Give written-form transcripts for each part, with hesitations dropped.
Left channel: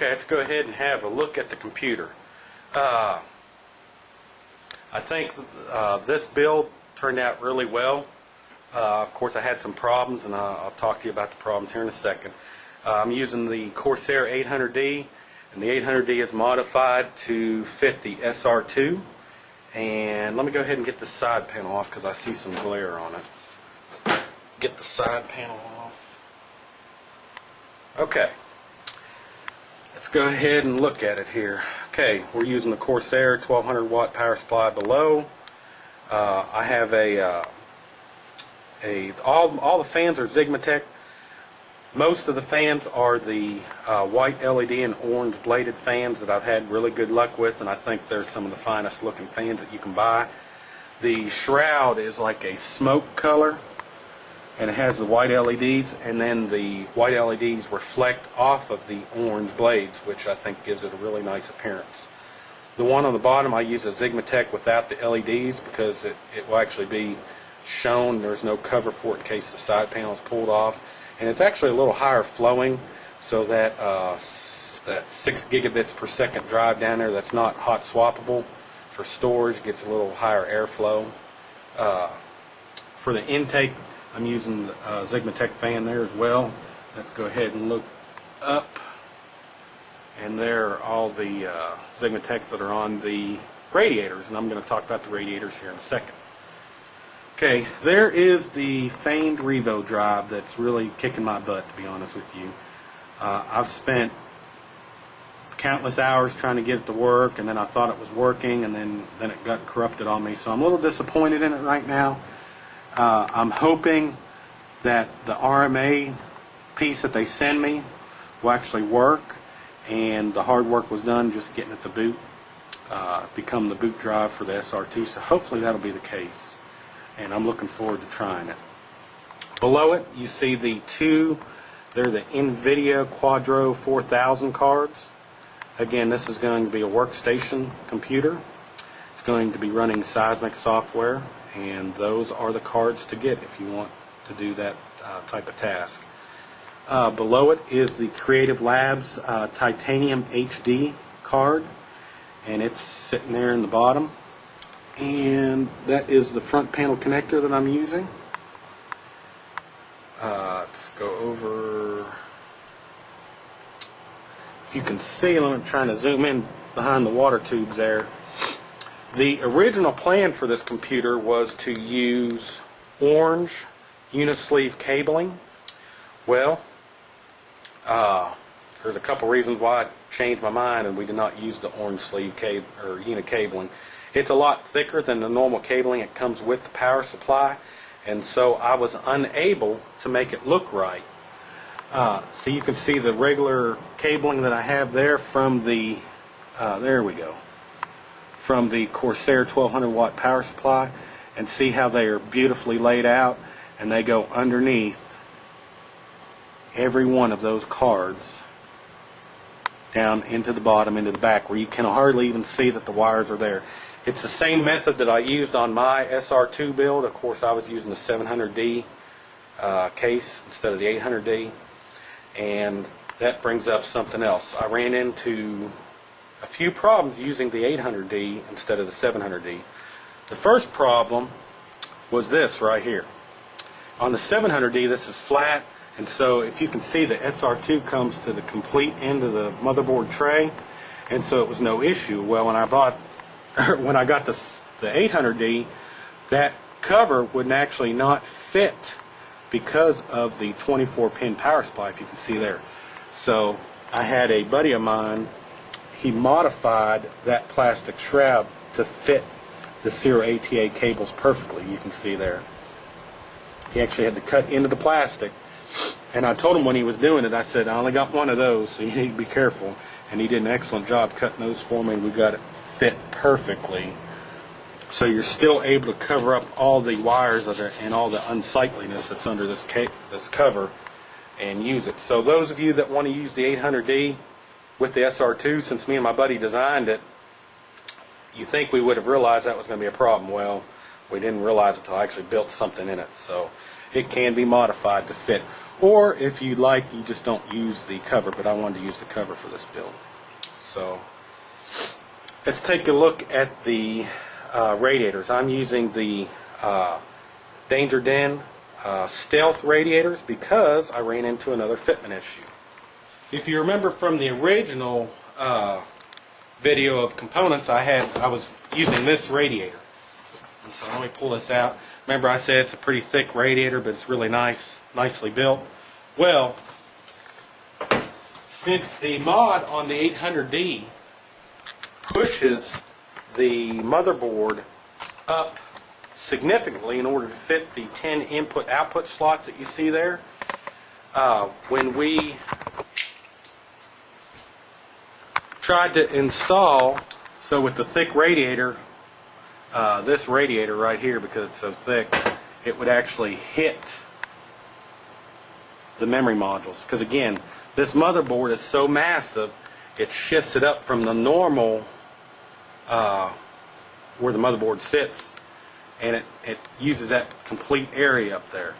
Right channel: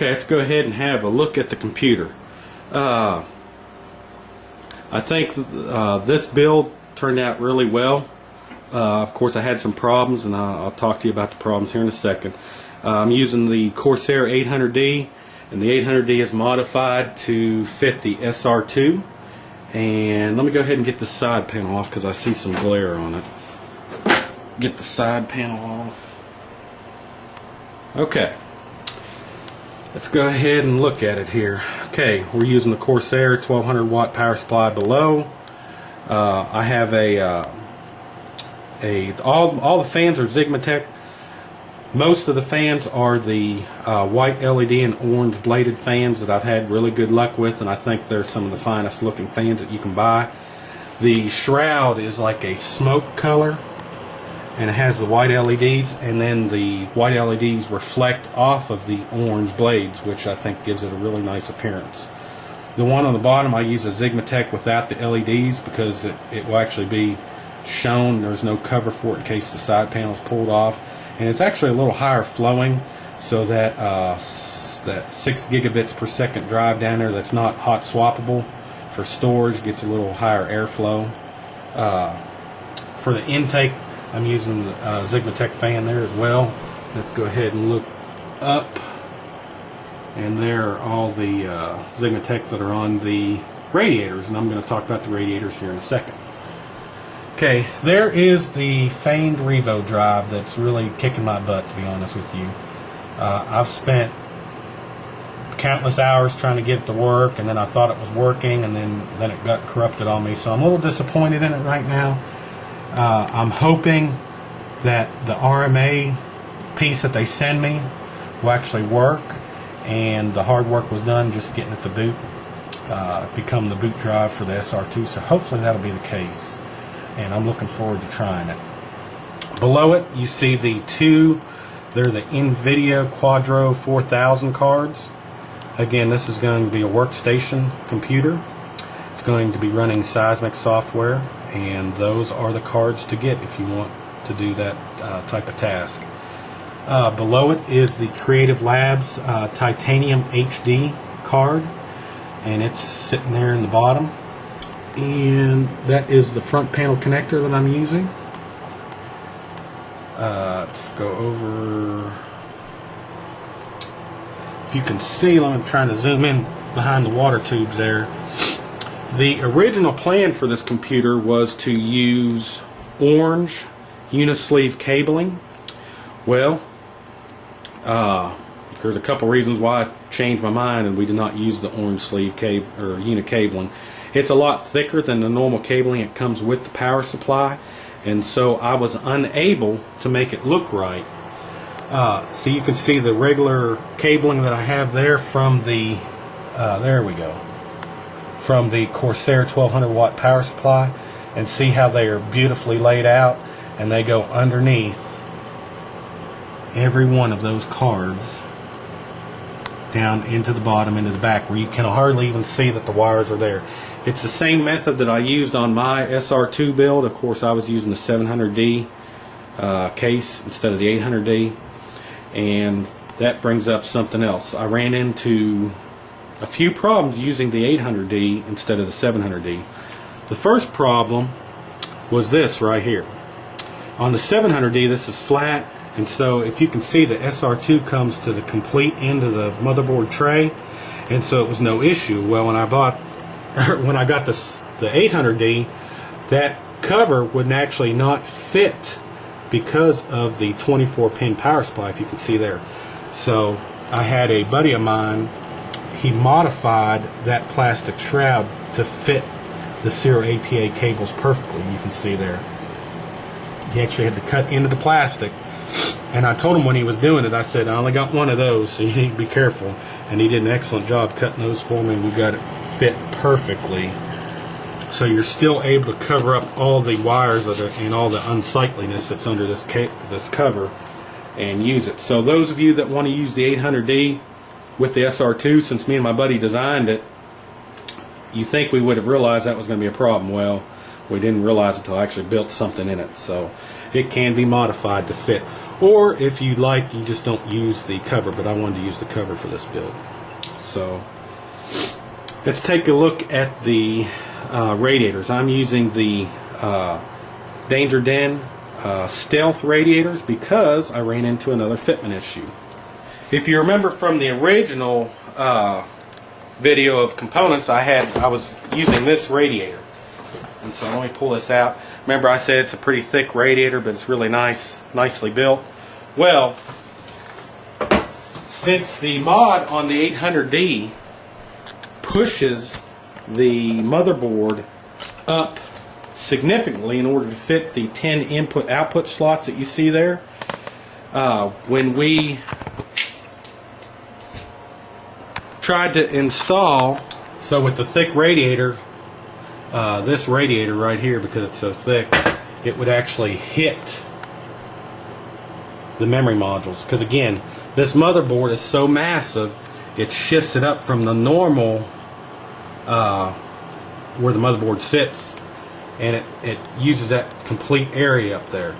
Okay, let's go ahead and have a look at the computer. I think this build turned out really well. Of course, I had some problems, and I'll talk to you about the problems here in a second. I'm using the Corsair 800D, and the 800D is modified to fit the SR-2. And let me go ahead and get the side panel off because I see some glare on it. Get the side panel off. Okay. Let's go ahead and look at it here. Okay, we're using the Corsair 1200 watt power supply below. I have all the fans are Xigmatech. Most of the fans are the white LED and orange bladed fans that I've had really good luck with, and I think they're some of the finest looking fans that you can buy. The shroud is like a smoke color, and it has the white LEDs, and then the white LEDs reflect off of the orange blades, which I think gives it a really nice appearance. The one on the bottom, I use a Xigmatech without the LEDs because it will actually be shown. There's no cover for it in case the side panel is pulled off, and it's actually a little higher flowing, so that that 6 gigabits per second drive down there that's not hot swappable for storage gets a little higher airflow. For the intake, I'm using the Xigmatech fan there as well. Let's go ahead and look up, and there are all the Xigmatechs that are on the radiators, and I'm going to talk about the radiators here in a second. Okay, there is the famed RevoDrive that's really kicking my butt, to be honest with you. I've spent countless hours trying to get it to work, and then I thought it was working, and then it got corrupted on me, so I'm a little disappointed in it right now. I'm hoping that the RMA piece that they send me will actually work, and the hard work was done just getting it to boot, become the boot drive for the SR-2, so hopefully that'll be the case, and I'm looking forward to trying it. Below it, you see they're the EVGA Quadro 4000 cards. Again, this is going to be a workstation computer. It's going to be running seismic software, and those are the cards to get if you want to do that type of task. Below it is the Creative Labs Titanium HD card, and it's sitting there in the bottom, and that is the front panel connector that I'm using. Let's go over, if you can see, I'm trying to zoom in behind the water tubes there. The original plan for this computer was to use orange unisleeve cabling. Well, there's a couple reasons why I changed my mind, and we did not use the orange sleeve cable or unit cabling. It's a lot thicker than the normal cabling that comes with the power supply, and so I was unable to make it look right. So you can see the regular cabling that I have there from the there we go, from the Corsair 1200 watt power supply, and see how they are beautifully laid out, and they go underneath every one of those cards down into the bottom, into the back, where you can hardly even see that the wires are there. It's the same method that I used on my SR-2 build. Of course, I was using the 700D case instead of the 800D, and that brings up something else. I ran into a few problems using the 800D instead of the 700D. The first problem was this right here. On the 700D, this is flat, and so if you can see, the SR-2 comes to the complete end of the motherboard tray, and so it was no issue. Well, when I got the 800D, that cover would actually not fit because of the 24-pin power supply, if you can see there. So I had a buddy of mine, he modified that plastic shroud to fit the Zero ATA cables perfectly. You can see there. He actually had to cut into the plastic, and I told him when he was doing it, I said, I only got one of those, so you need to be careful. And he did an excellent job cutting those for me. We got it fit perfectly, so you're still able to cover up all the wires and all the unsightliness that's under this cover and use it. So those of you that want to use the 800D with the SR-2, since me and my buddy designed it, you think we would have realized that was going to be a problem. Well, we didn't realize it until I actually built something in it. So it can be modified to fit Or if you like, you just don't use the cover, but I wanted to use the cover for this build. So let's take a look at the radiators. I'm using the Danger Den Stealth radiators because I ran into another fitment issue. If you remember from the original video of components, I was using this radiator. And so let me pull this out. Remember I said it's a pretty thick radiator, but it's really nicely built. Well, since the mod on the 800D pushes the motherboard up significantly in order to fit the 10 input-output slots that you see there, when we tried to install, so with the thick radiator, this radiator right here, because it's so thick, it would actually hit the memory modules. Because again, this motherboard is so massive, it shifts it up from the normal where the motherboard sits, and it uses that complete area up there.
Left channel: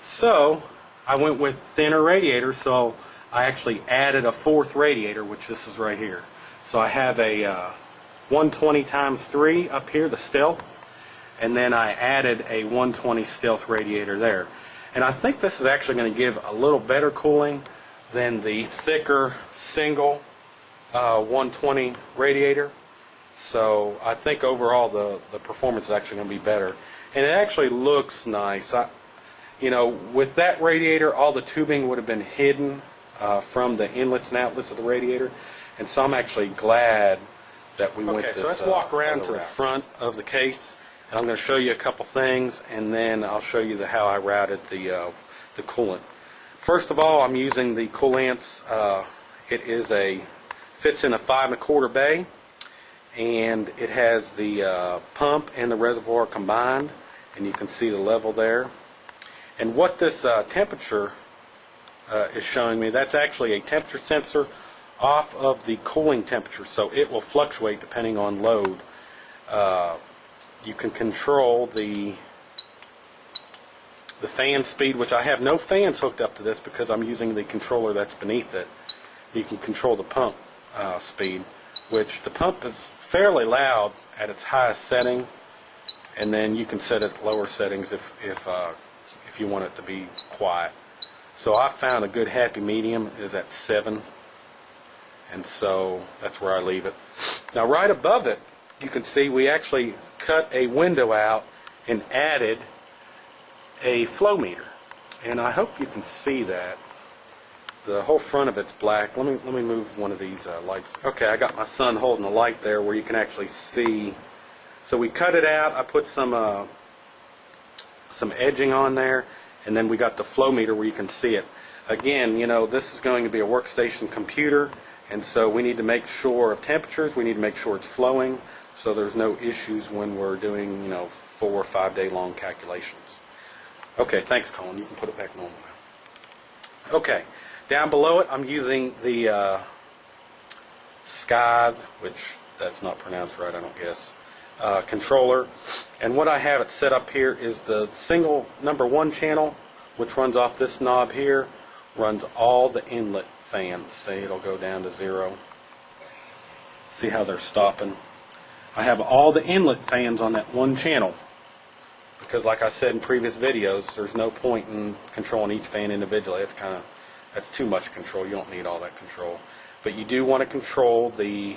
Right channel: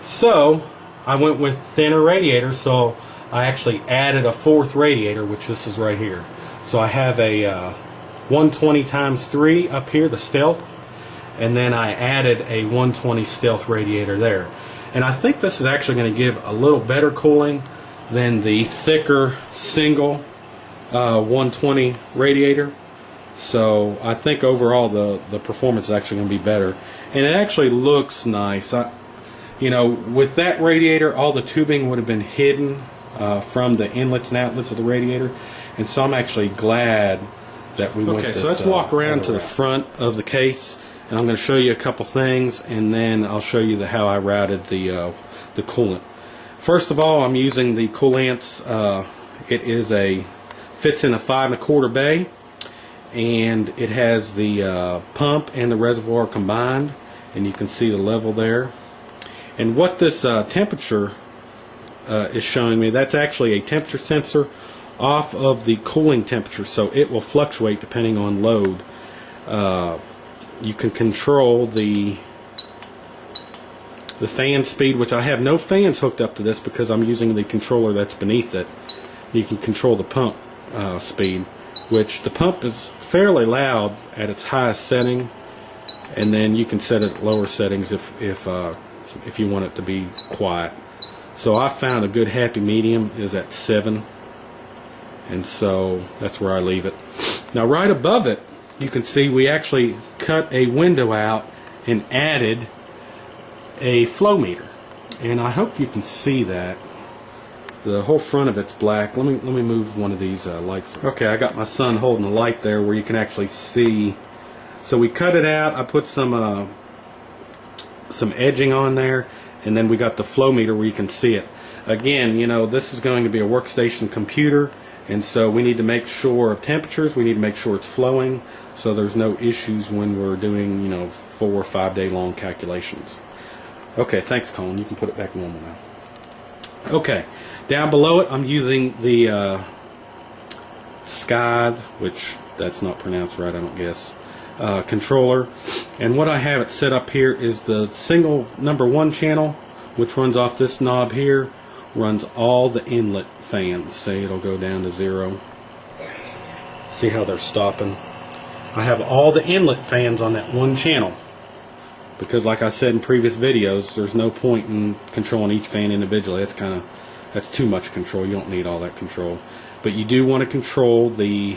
So I went with thinner radiators, so I actually added a fourth radiator, which this is right here. So I have a 120 × 3 up here, the Stealth, and then I added a 120 Stealth radiator there. And I think this is actually going to give a little better cooling than the thicker single 120 radiator. So I think overall the performance is actually going to be better, and it actually looks nice. You know, with that radiator, all the tubing would have been hidden from the inlets and outlets of the radiator, and so I'm actually glad that we went this. So let's walk around to the front of the case, and I'm going to show you a couple things, and then I'll show you how I routed the coolant. First of all, I'm using the Koolance. It fits in a 5 1/4 bay, and it has the pump and the reservoir combined, and you can see the level there. And what this temperature is showing me, that's actually a temperature sensor off of the cooling temperature, so it will fluctuate depending on load. You can control the fan speed, which I have no fans hooked up to this because I'm using the controller that's beneath it. You can control the pump speed, which the pump is fairly loud at its highest setting, and then you can set it at lower settings if you want it to be quiet. So I found a good happy medium is at 7, and so that's where I leave it. Now right above it, you can see we actually cut a window out and added a flow meter, and I hope you can see that. The whole front of it's black. Let me move one of these lights. Okay, I got my son holding the light there where you can actually see. So we cut it out. I put some edging on there, and then we got the flow meter where you can see it. Again, you know, this is going to be a workstation computer, and so we need to make sure of temperatures. We need to make sure it's flowing, so there's no issues when we're doing, you know, 4 or 5 day long calculations. Okay, thanks, Colin. You can put it back normal now. Okay. Down below it, I'm using the Scythe, which that's not pronounced right, I don't guess, controller. And what I have it set up here is the single #1 channel, which runs off this knob here, runs all the inlet fans. See, it'll go down to 0. See how they're stopping? I have all the inlet fans on that one channel, because like I said in previous videos, there's no point in controlling each fan individually. That's too much control. You don't need all that control. But you do want to control the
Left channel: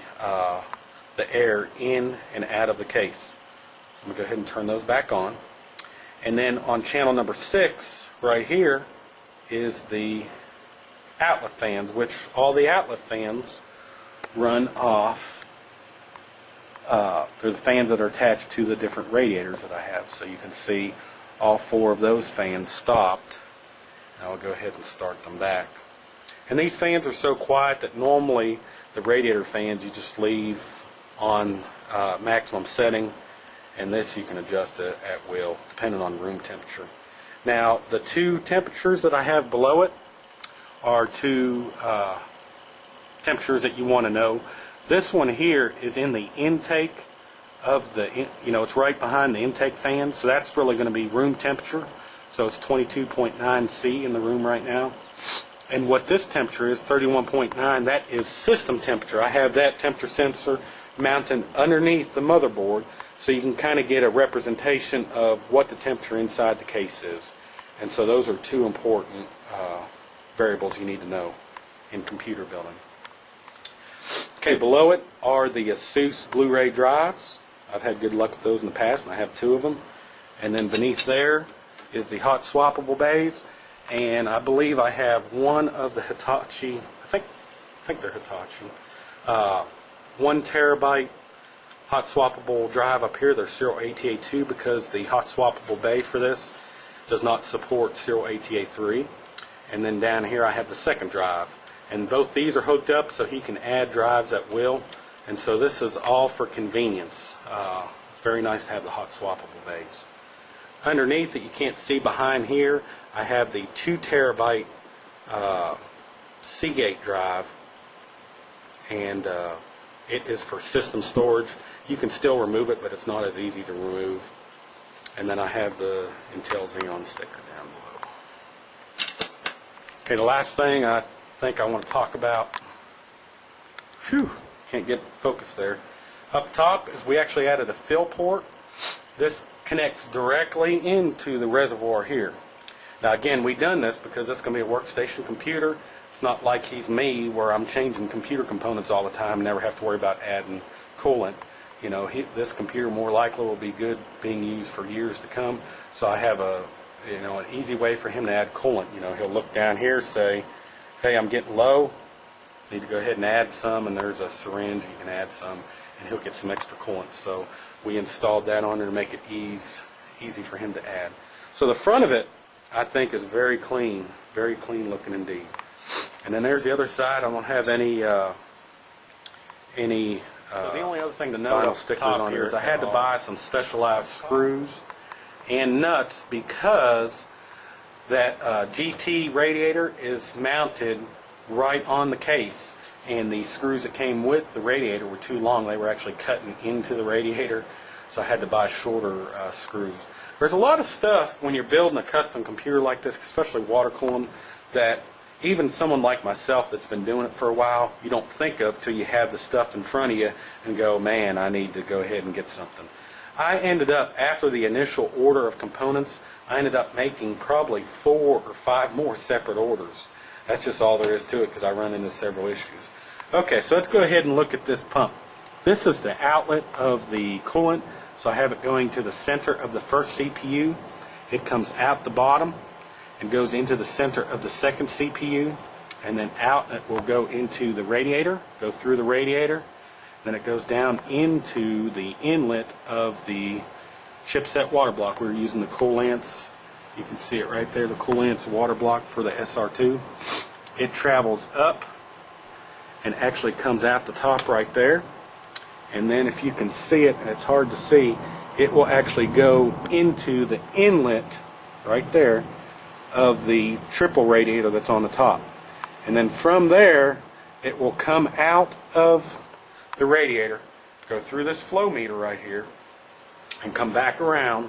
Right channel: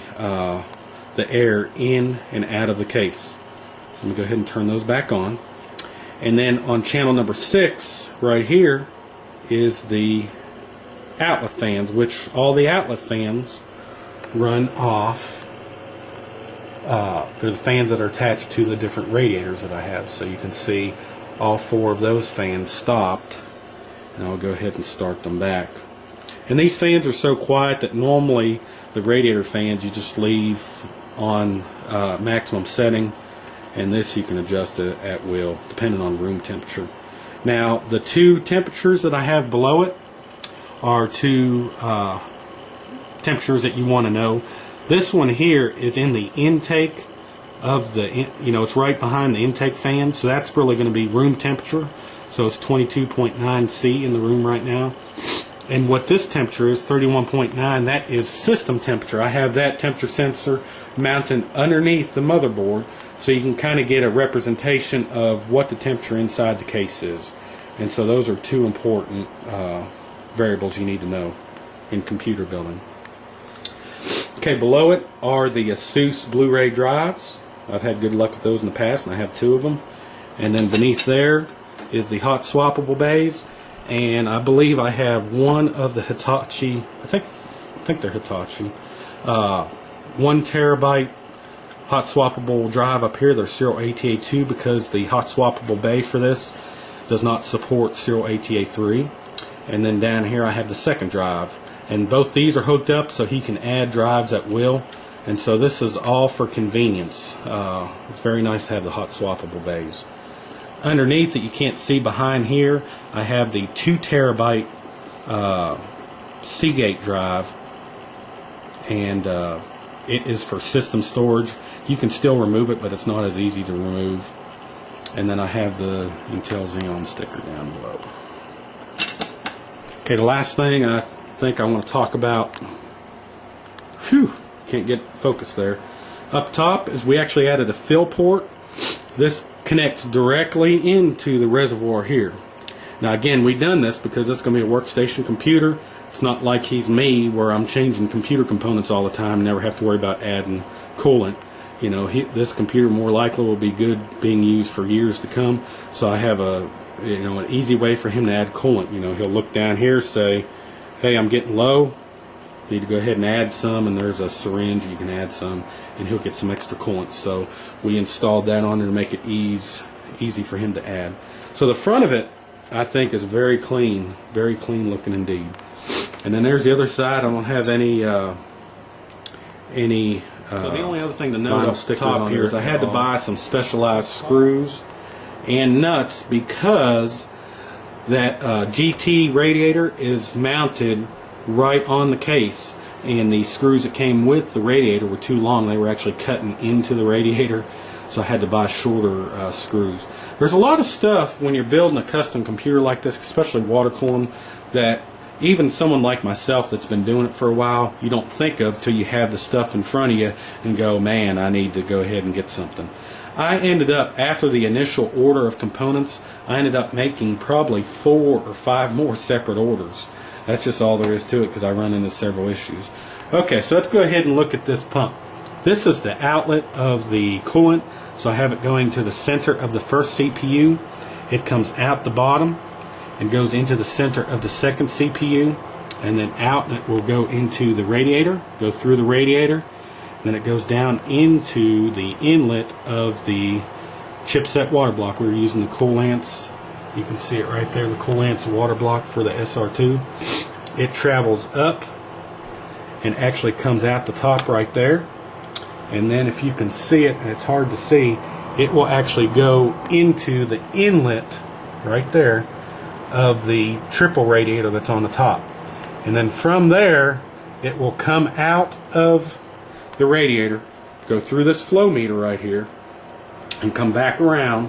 air in and out of the case. So I'm going to go ahead and turn those back on. And then on channel number 6, right here, is the outlet fans, which all the outlet fans run off. They're the fans that are attached to the different radiators that I have. So you can see all 4 of those fans stopped. And I'll go ahead and start them back. And these fans are so quiet that normally the radiator fans you just leave on maximum setting, and this you can adjust it at will depending on room temperature. Now the 2 temperatures that I have below it are 2 temperatures that you want to know. This one here is in the intake of the, you know, it's right behind the intake fan, so that's really going to be room temperature. So it's 22.9 C in the room right now. And what this temperature is, 31.9, that is system temperature. I have that temperature sensor mounted underneath the motherboard, so you can kind of get a representation of what the temperature inside the case is. And so those are two important variables you need to know in computer building. Okay, below it are the ASUS Blu-ray drives. I've had good luck with those in the past, and I have 2 of them. And then beneath there is the hot swappable bays. And I believe I have one of the Hitachi, I think they're Hitachi, 1 terabyte hot swappable drive up here. They're serial ATA2 because the hot swappable bay for this does not support serial ATA3. And then down here I have the second drive. And both these are hooked up so he can add drives at will. And so this is all for convenience. It's very nice to have the hot swappable bays. Underneath that you can't see behind here, I have the 2 terabyte Seagate drive, and it is for system storage. You can still remove it, but it's not as easy to remove. And then I have the Intel Xeon sticker down below. Okay, the last thing I think I want to talk about, can't get focus there. Up top is we actually added a fill port. This connects directly into the reservoir here. Now again, we've done this because it's going to be a workstation computer. It's not like he's me where I'm changing computer components all the time and never have to worry about adding coolant. You know, this computer more likely will be good being used for years to come. So I have an easy way for him to add coolant. You know, he'll look down here, say, hey, I'm getting low. Need to go ahead and add some, and there's a syringe, you can add some, and he'll get some extra coolant. So we installed that on there to make it easy for him to add. So the front of it, I think, is very clean looking indeed. And then there's the other side. I don't have any so the only other thing to note off the top here is I had to buy some specialized screws and nuts because that GT radiator is mounted right on the case, and the screws that came with the radiator were too long. They were actually cutting into the radiator, so I had to buy shorter screws. There's a lot of stuff when you're building a custom computer like this, especially water cooling, that even someone like myself that's been doing it for a while, you don't think of till you have the stuff in front of you and go, man, I need to go ahead and get something. I ended up, after the initial order of components, I ended up making probably 4 or 5 more separate orders. That's just all there is to it because I run into several issues. Okay, so let's go ahead and look at this pump. This is the outlet of the coolant, so I have it going to the center of the first CPU. It comes out the bottom and goes into the center of the second CPU, and then out, and it will go into the radiator, go through the radiator, then it goes down into the inlet of the chipset water block. We're using the Koolance. You can see it right there, the Koolance water block for the SR-2. It travels up and actually comes out the top right there. And then if you can see it, and it's hard to see, it will actually go into the inlet right there of the triple radiator that's on the top. And then from there, it will come out of the radiator, go through this flow meter right here, and come back around,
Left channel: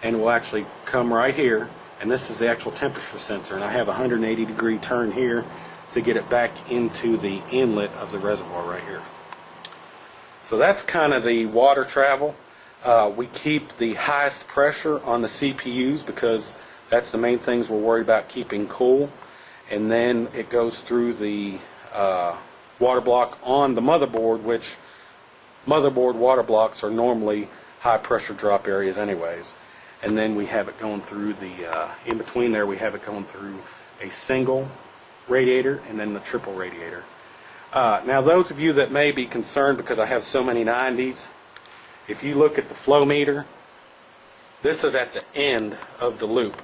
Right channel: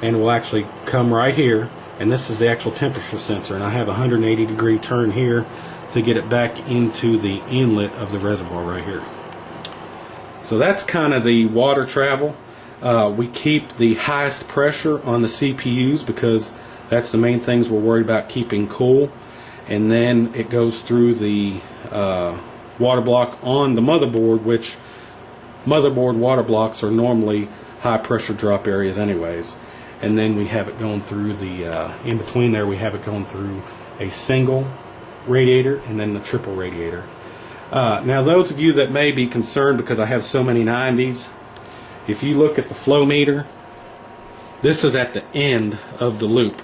and will actually come right here, and this is the actual temperature sensor, and I have a 180 degree turn here to get it back into the inlet of the reservoir right here. So that's kind of the water travel. We keep the highest pressure on the CPUs because that's the main things we're worried about keeping cool, and then it goes through the water block on the motherboard, which motherboard water blocks are normally high pressure drop areas anyways. And then we have it going through the, in between there we have it going through a single radiator and then the triple radiator. Now those of you that may be concerned because I have so many 90s, if you look at the flow meter, this is at the end of the loop.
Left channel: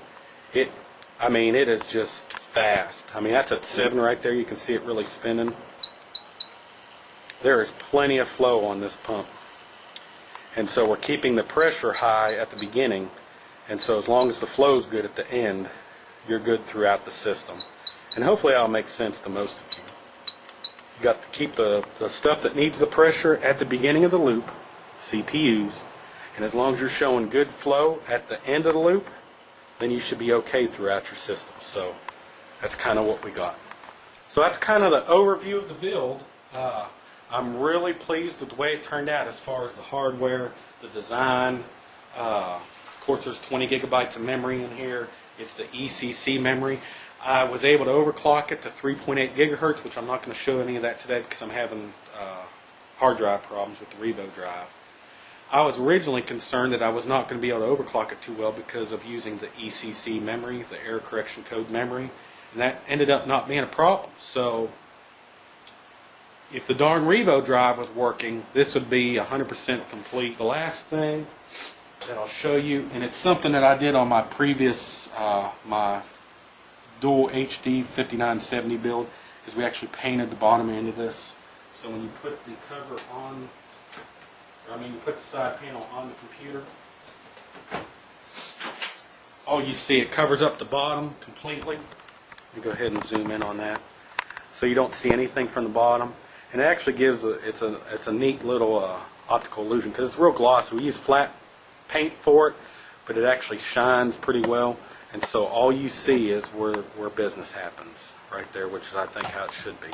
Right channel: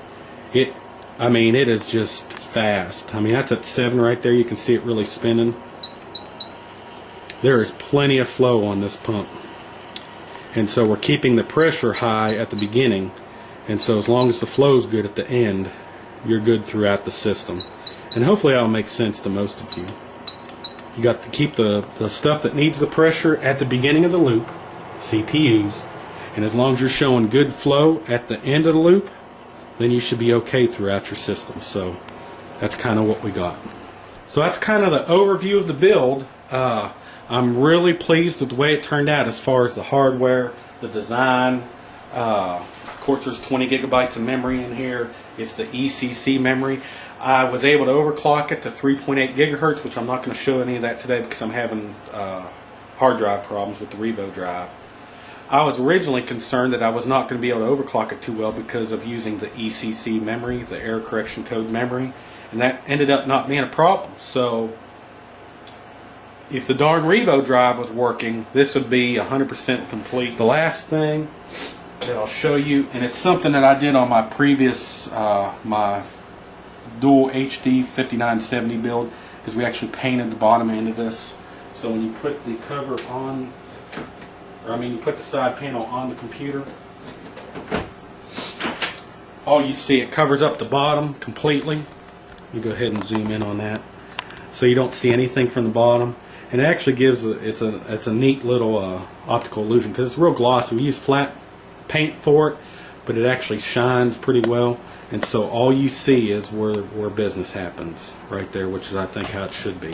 It is just fast. I mean, that's at 7 right there. You can see it really spinning. There is plenty of flow on this pump. And so we're keeping the pressure high at the beginning. And so as long as the flow is good at the end, you're good throughout the system. And hopefully that'll make sense to most of you. You got to keep the stuff that needs the pressure at the beginning of the loop, CPUs, and as long as you're showing good flow at the end of the loop, then you should be okay throughout your system. So that's kind of what we got. So that's kind of the overview of the build. I'm really pleased with the way it turned out as far as the hardware, the design. Of course, there's 20 gigabytes of memory in here. It's the ECC memory. I was able to overclock it to 3.8 gigahertz, which I'm not going to show any of that today because I'm having hard drive problems with the RevoDrive. I was originally concerned that I was not going to be able to overclock it too well because of using the ECC memory, the error correction code memory, and that ended up not being a problem. So if the darn RevoDrive was working, this would be 100% complete. The last thing that I'll show you, and it's something that I did on my previous my dual HD 5970 build, is we actually painted the bottom end of this. So when you put the cover on, you put the side panel on the computer, all you see, it covers up the bottom completely. Let me go ahead and zoom in on that, so you don't see anything from the bottom. And it actually gives it's a neat little optical illusion because it's real glossy. We use flat paint for it, but it actually shines pretty well. And so all you see is where business happens right there, which is I think how it should be.